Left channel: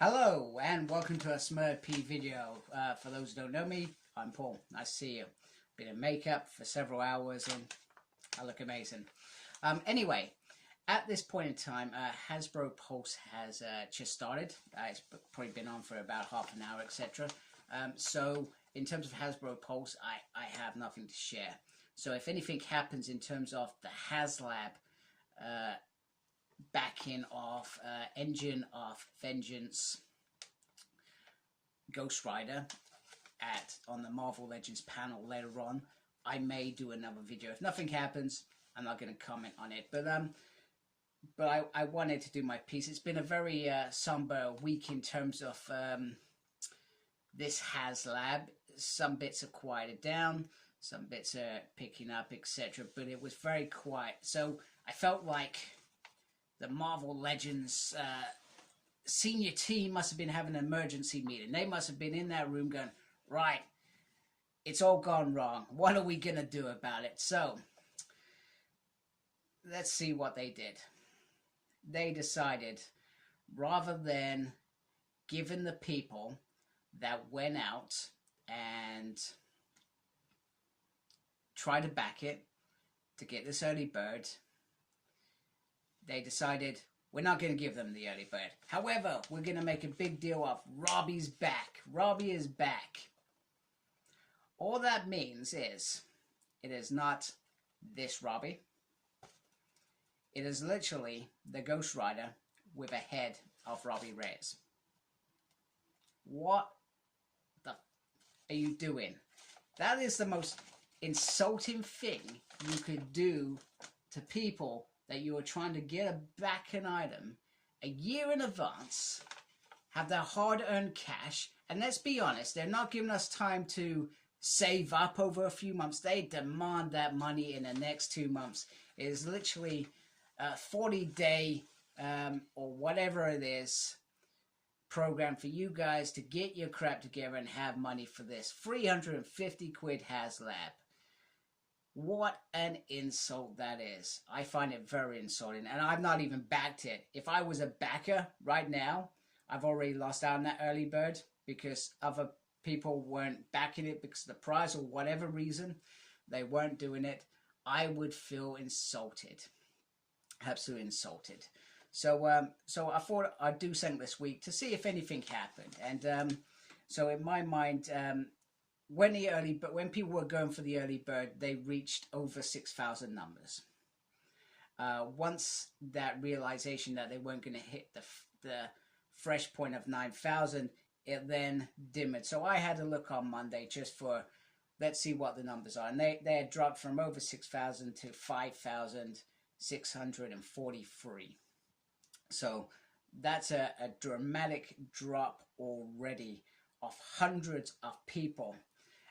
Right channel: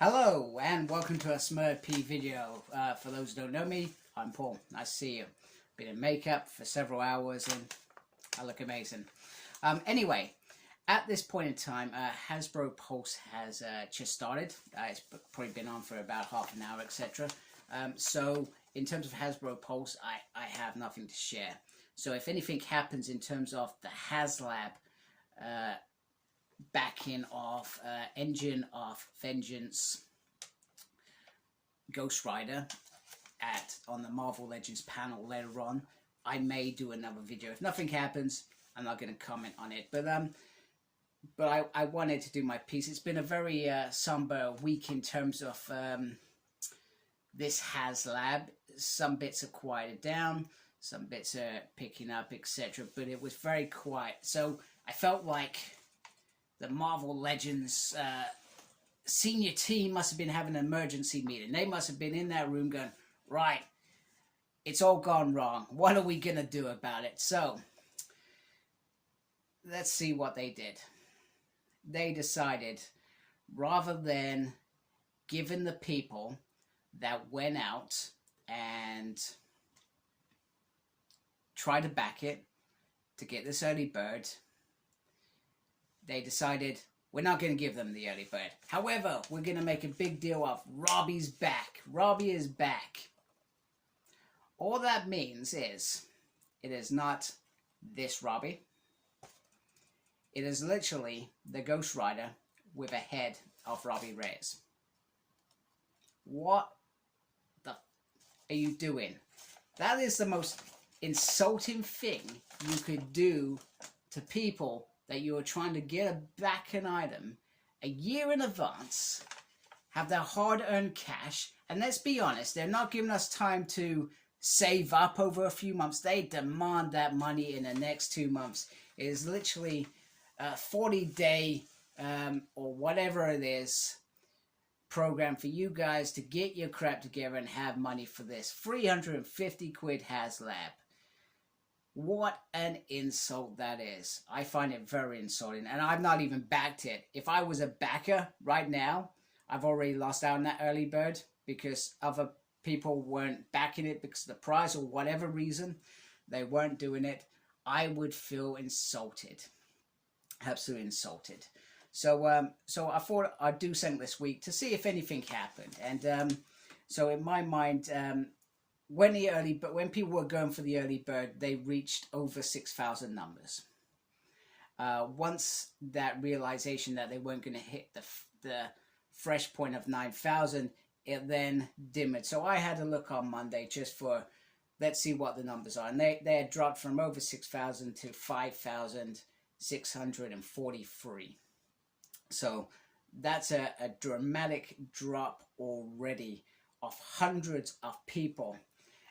Hello and welcome to a Smurp video. For those who don't know me, I'm Paul. Nice to see you. Been in makeup for several hours and I look amazing. Anyway, at this point in time, Hasbro Pulse has just started. It's probably been on for about half an hour, etc. So in terms of Hasbro Pulse, I have nothing to share. So if anything happens in terms of the Haslab backing off Engine of Vengeance Ghost Rider on the Marvel Legends panel later on, I may do another video. If nothing happens, I'm not going to comment on it. But I wanted to do my piece. It's been a very somber week in terms of this Haslab. Some bits are quieted down, some bits are picking up, etc. But it was very quiet. So I felt like the Marvel Legends senior team must have been having an emergency meeting. They must have been in that room going, right, it's all gone wrong. What are we going to do about it? So, let's see what they did. They decided, rather than giving the people that went out and tried to back it to get this early bird, they decided we're not going to give them the early bird. However, we're going to make a big deal of Robbie's back. Robbie is back. All that means is it is not this Robbie. It is literally the Ghost Rider with a head of Robbie Reyes. What the are you doing? That is the most insulting thing you could do to people that you are trying to get back an item a year in advance, have their hard-earned cash, and let's be honest, they're not giving us time to save up over a few months. They demand that money in the next 2 months. It is literally a 40-day or whatever it is program for you guys to get your crap together and have money for this. 350 quid Haslab. What an insult that is. I find it very insulting, and I've not even backed it. If I was a backer right now, I've already lost out on that early bird because other people weren't backing it because of the price or whatever reason. They weren't doing it. I would feel insulted. Absolutely insulted. So I thought I'd do something this week to see if anything happened. And so in my mind, when people were going for the early bird, they reached over 6,000 numbers. Once that realization that they weren't going to hit the fresh point of 9,000, it then dimmed. So I had to look on Monday just for, let's see what the numbers are. And they had dropped from over 6,000 to 5,643. So that's a dramatic drop already of hundreds of people.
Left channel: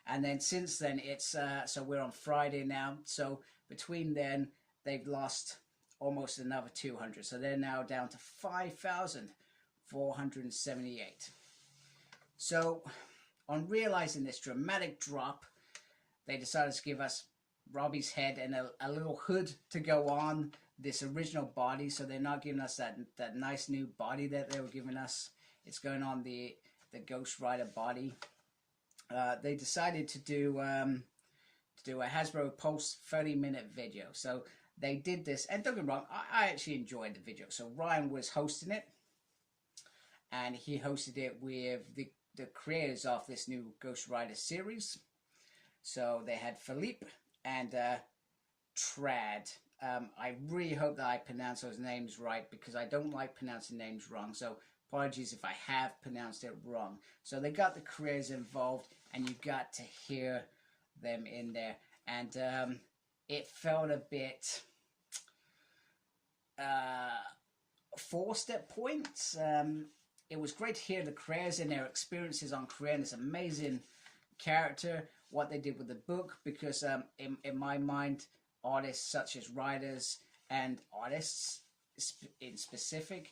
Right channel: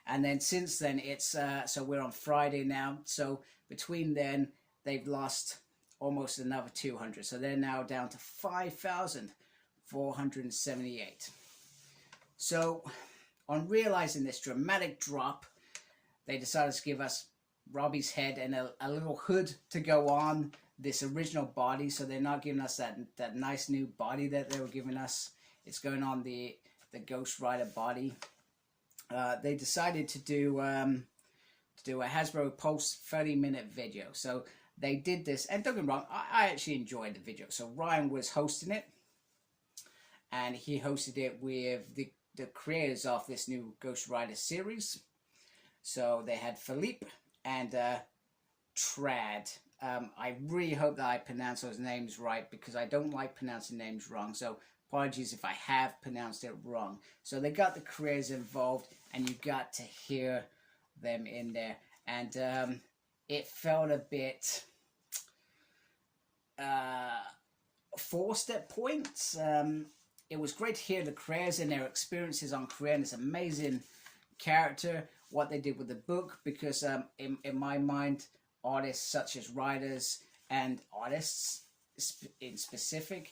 And then since then, it's so we're on Friday now. So between then, they've lost almost another 200. So they're now down to 5,478. So on realizing this dramatic drop, they decided to give us Robbie's head and a little hood to go on this original body. So they're not giving us that nice new body that they were giving us. It's going on the Ghost Rider body. They decided to do a Hasbro Pulse 30-minute video. So they did this, and don't get me wrong, I actually enjoyed the video. So Ryan was hosting it, and he hosted it with the creators of this new Ghost Rider series. So they had Philippe and Trad. I really hope that I pronounce those names right because I don't like pronouncing names wrong. So apologies if I have pronounced it wrong. So they got the creators involved, and you got to hear them in there. And it felt a bit forced at points. It was great to hear the creators and their experiences on creating this amazing character, what they did with the book, because in my mind, artists such as writers and artists in specific,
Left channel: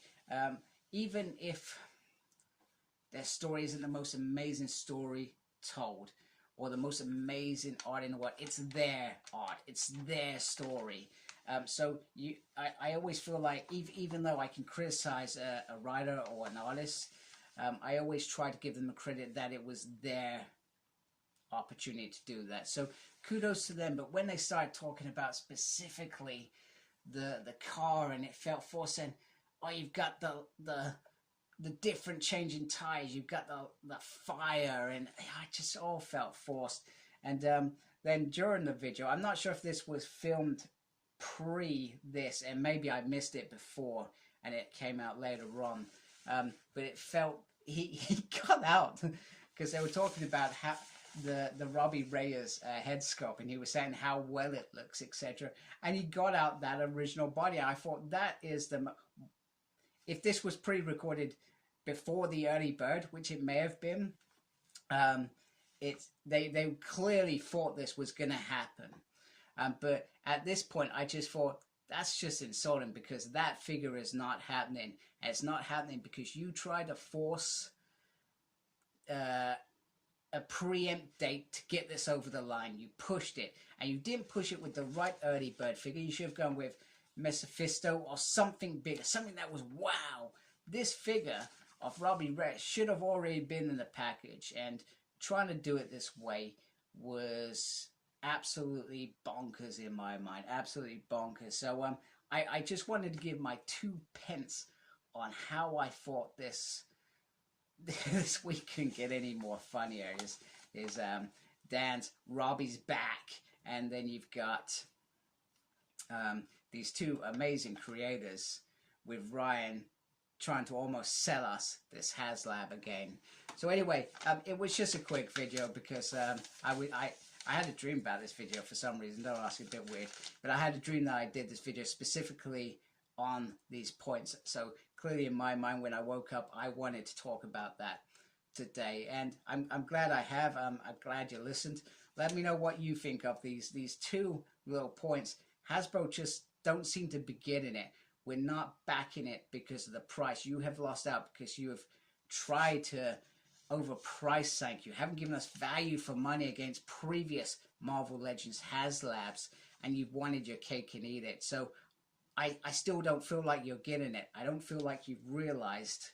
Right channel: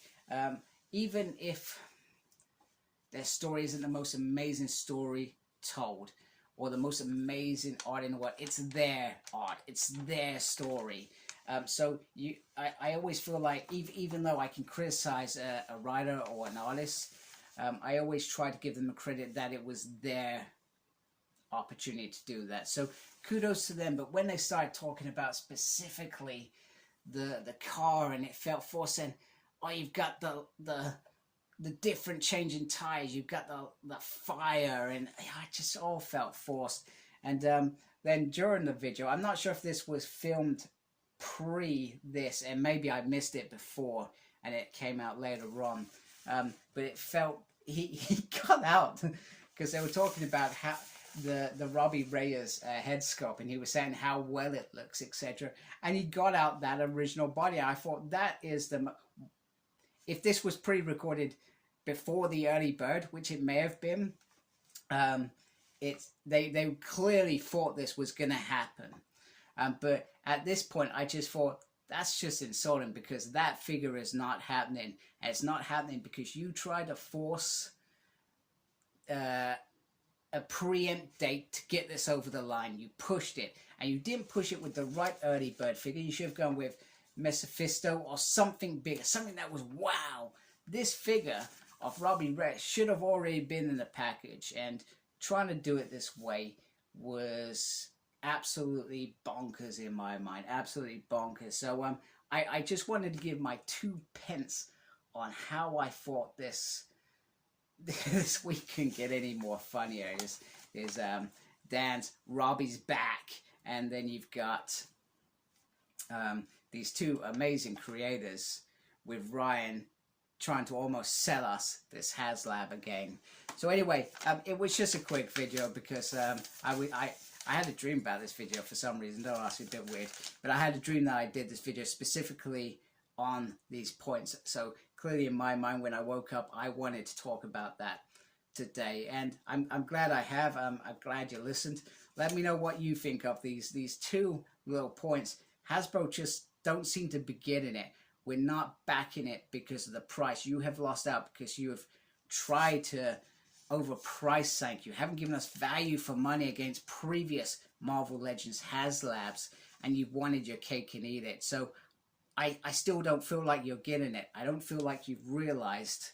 even if their story isn't the most amazing story told or the most amazing art in the world, it's their art, it's their story. So I always feel like even though I can criticize a writer or an artist, I always try to give them the credit that it was their opportunity to do that. So kudos to them. But when they started talking about specifically the car and it felt forced, and oh, you've got the different changing tires, you've got the fire, and it just all felt forced. And then during the video, I'm not sure if this was filmed pre this, and maybe I missed it before and it came out later on, but it felt he got out because they were talking about how the Robbie Reyes head sculpt, and he was saying how well it looks, etc. And he got out that original body. I thought that is if this was pre-recorded before the early bird, which it may have been, they clearly thought this was going to happen. But at this point, I just thought that's just insulting, because that figure is not happening. And it's not happening because you tried to force a preempt date to get this over the line. You pushed it, and you didn't push it with the right early bird figure. You should have gone with Mephisto or something bigger, something that was wow. This figure of Robbie Reyes should have already been in the package, and trying to do it this way was absolutely bonkers in my mind. Absolutely bonkers. So I just wanted to give my 2 pence on how I thought this week couldn't get any more funnier. Is Dan's Robbie's back, and then you've got these 2 amazing creators with Ryan trying to almost sell us this Haslab again. So anyway, it was just a quick video because I had a dream about this video for some reason. Don't ask me, a bit weird, but I had a dream that I did this video specifically on these points. So clearly in my mind, when I woke up, I wanted to talk about that today, and I'm glad I have. I'm glad you listened. Let me know what you think of these 2 little points. Hasbro just don't seem to be getting it. We're not backing it because of the price. You have lost out because you have tried to overprice something. You haven't given us value for money against previous Marvel Legends Haslabs, and you've wanted your cake and eat it. So I still don't feel like you're getting it. I don't feel like you've realized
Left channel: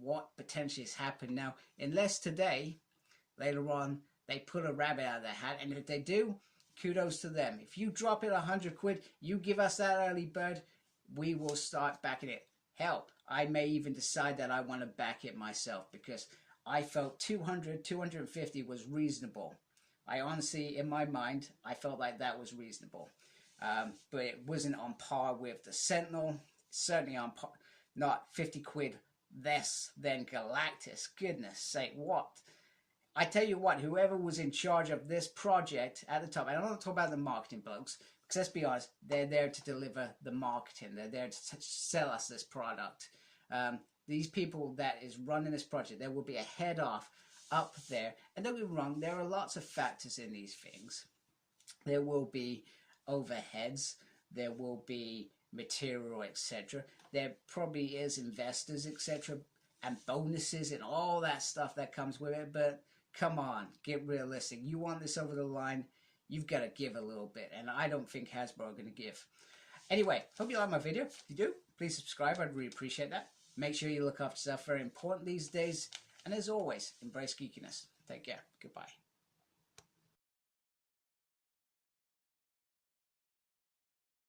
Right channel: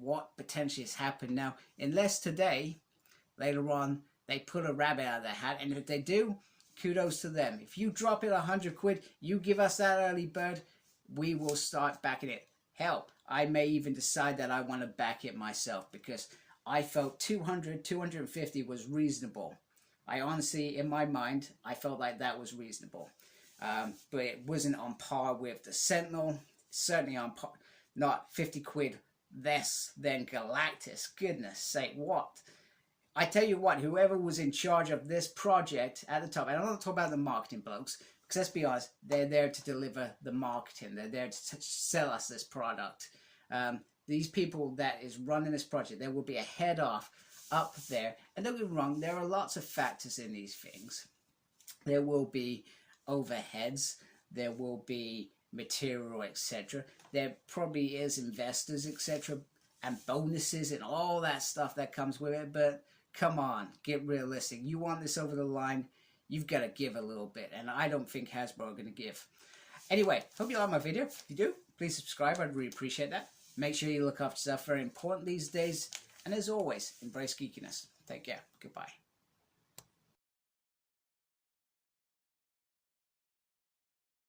what potentially has happened. Now, unless today, later on, they put a rabbit out of their hat, and if they do, kudos to them. If you drop it 100 quid, you give us that early bird, we will start backing it. Hell, I may even decide that I want to back it myself, because I felt 200, 250 was reasonable. I honestly, in my mind, I felt like that was reasonable. But it wasn't on par with the Sentinel. Certainly on par, not 50 quid less than Galactus. Goodness sake, what? I tell you what, whoever was in charge of this project at the top, and I'm not talking about the marketing blokes, because let's be honest, they're there to deliver the marketing. They're there to sell us this product. These people that is running this project, there will be a head off up there. And don't get me wrong, there are lots of factors in these things. There will be overheads, there will be material, etc. There probably is investors, etc., and bonuses and all that stuff that comes with it. But come on, get realistic. You want this over the line, you've got to give a little bit, and I don't think Hasbro are going to give. Anyway, hope you like my video. If you do, please subscribe. I'd really appreciate that. Make sure you look after yourself. Very important these days. And as always, embrace geekiness. Take care. Goodbye.